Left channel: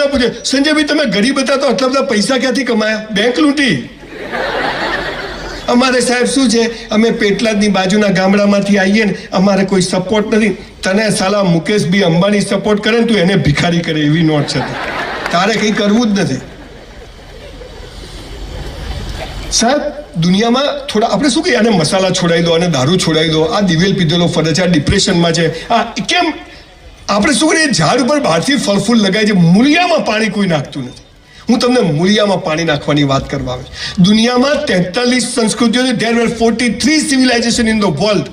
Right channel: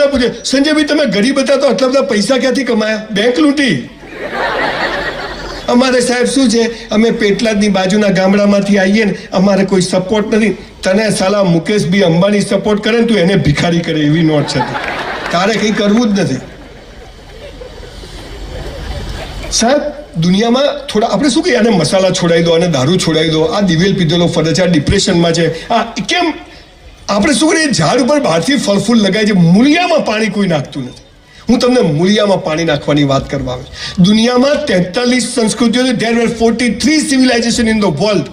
બધા પૂછે, સંજયભાઈ તમે ગરીબ હતા તો આટલા બધા પૈસા ક્યાંથી કમાયા? બેંક લૂંટી. અમારે સાહેબ શું છે, અમે પેટલાદની બાજુના ગામડામાંથી આવીએ ને, અમારે કોઈ સપોર્ટ નથી. તને સાલા મુકેશભાઈ અંબાણી સપોર્ટ કરે ને તું એને ભિખારી કરે એવી નોટ છે. તારે કંઈ કરવું જ નથી સાહેબ. દુનિયામાં થોડા આપણે શું કહીએ, આને મસાલા છોડાવી દો, આને દારૂ છોડાવી દો, આ દિવેલ પીધેલો ફરે છે, આ ડિપ્રેશનમાં છે, આ કેમ? આપણે શું કરીએ, ઝાડ ઉપર બહારથી ફળ ફૂલ લગાય છે, મૂળિયામાં પાણી કોઈ નાખતું નથી. હું તમને મૂળિયામાં પાણી નાખવાની વાત કરવા આવે. દુનિયામાં 43 સંસ્કૃતિઓ છે. There were 43 civilization in the world.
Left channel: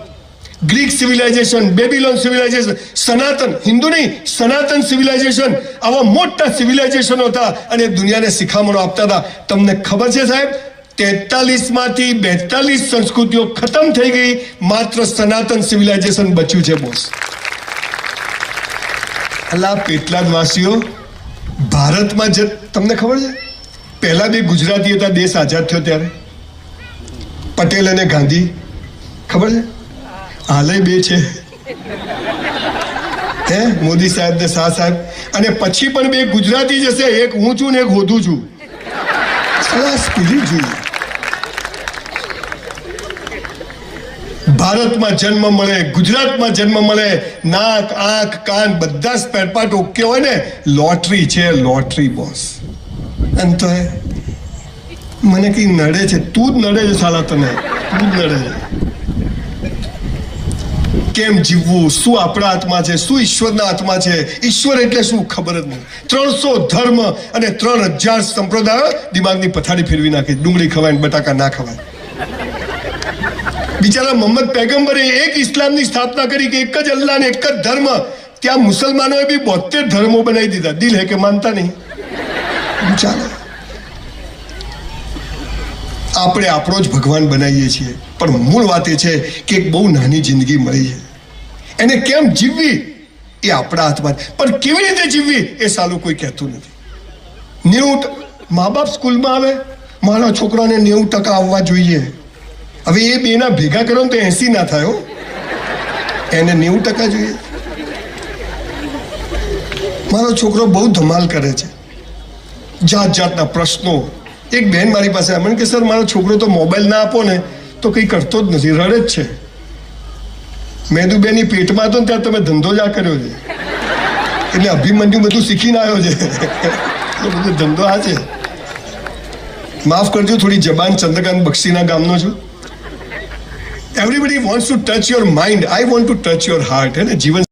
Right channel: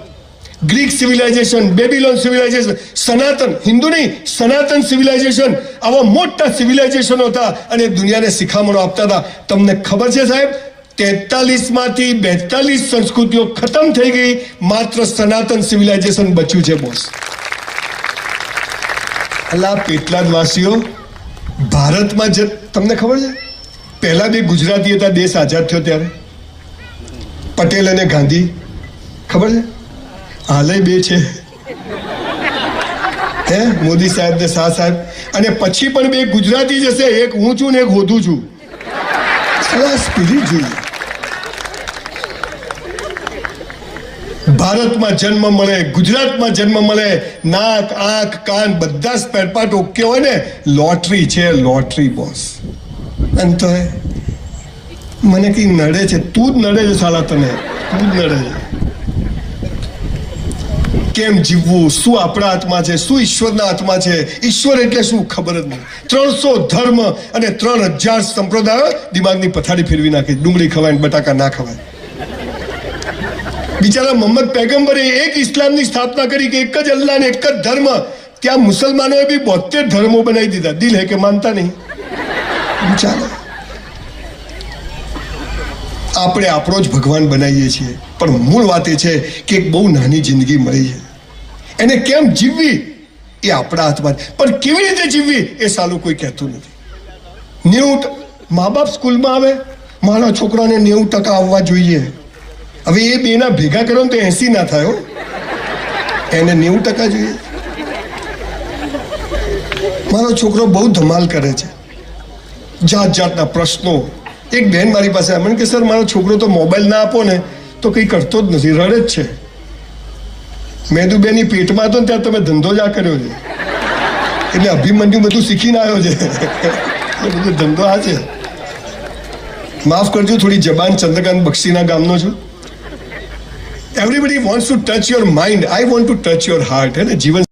Greek civilisation, બેબીલોન civilisation, સનાતન, હિન્દુ નહીં, સનાતન સિવિલાઇઝેશન, આવા મોટા સિવિલાઇઝેશનો હતા અને દુનિયાને શિખામણો આપતા હતા. તમને ખબર છે સાહેબ, 43 માંથી 42 સંસ્કૃતિઓ ખતમ થઈ ગઈ, માત્ર સનાતન સિવિલાઇઝેશન બચ્યું છે બોસ. અલા પેટલાદ વાસીઓ, ભારતમાં તમને ખબર છે પહેલા બે ગુજરાતી હતા દેશ આઝાદ થયો ત્યારે? પટેલ અને ગાંધી. ખબર છે? હાલે બે છે, હે મોદી સાહેબ ને શાહ સાહેબ. અને પછી પણ બે ગુજરાતી જશે, એક હું છું ને એક હોધું છું. સ્પિરિટ જોઈએ. ભારતમાં જન્મ મળે, ગુજરાતમાં જન્મ મળે, નાક આંખ કાન બધા સ્પેર પાર્ટ ઓકે હોય ને, લોટરી છે, લોટરી બોસ. અને તો મને કઈ નડે છે, તું જ નડે છે સાલા, તને તું જ નડે છે. કેમ જીવવું, શું આપણા હાથમાં છે, શું ઈશ્વરના હાથમાં છે? ઈશ્વર એટલે શું ખબર જ નહીં. 300 ધર્મ અને 3000 સંપ્રદાયો દિમાગની પથારી ફેરવી નાખી. ડુંગળી ખવાય, બટાકા ના ખવાય. બિચારા મોહમ્મદ પૈગંબરે એક ઇસ્લામની સ્થાપના કરી કે એક જ અલ્લાહ ને એક જ ધર્મ. ત્યાં મુસલમાનોએ બી 72 ધર્મો બનાવી દીધા. દિલ હે કે માનતા નહીં. ચાલો, આપણે આપણો જ ભગવાન બનાવીએ છીએ, પણ મૂળ વાત એ છે કે એક બહુ નાની જિંદગી મળી છે, એને કેમ જીવવી એ આપણા હાથમાં. પણ કેવી રીતે જીવવી એ સાલું કોઈ કહેતું નથી. 90 મા બાપ સ્કૂલમાં આવે, મારા છોકરાને 90% આવવા જોઈએ. હવે એ બેના ભેગા કરો ને તો 80 ના થાય. એને 90% જોઈએ. મારો છોકરો બહુ ધમાલ કરે છે, જાત જાતના પ્રશ્નો. એક બહેન મારી પાસે મને કે સર મારો છોકરો તો મોબાઈલ ના આપો ને તો કંઈ કરતો જ નથી, રડે જ છે. મેદુબેની પેટમાં હતો ને ત્યાં તમે ધંધો જ આ કર્યો છે, એટલે અભિમન્યુ બધું શીખીને આવ્યો છે. બધો ધંધો આ છે. માફ કરજો, થોડી જબાન ચંદ્રકાંત બક્ષીના ગામનો છું. Everybody wants to touch your mind, I want to touch your heart. હે ને જીવન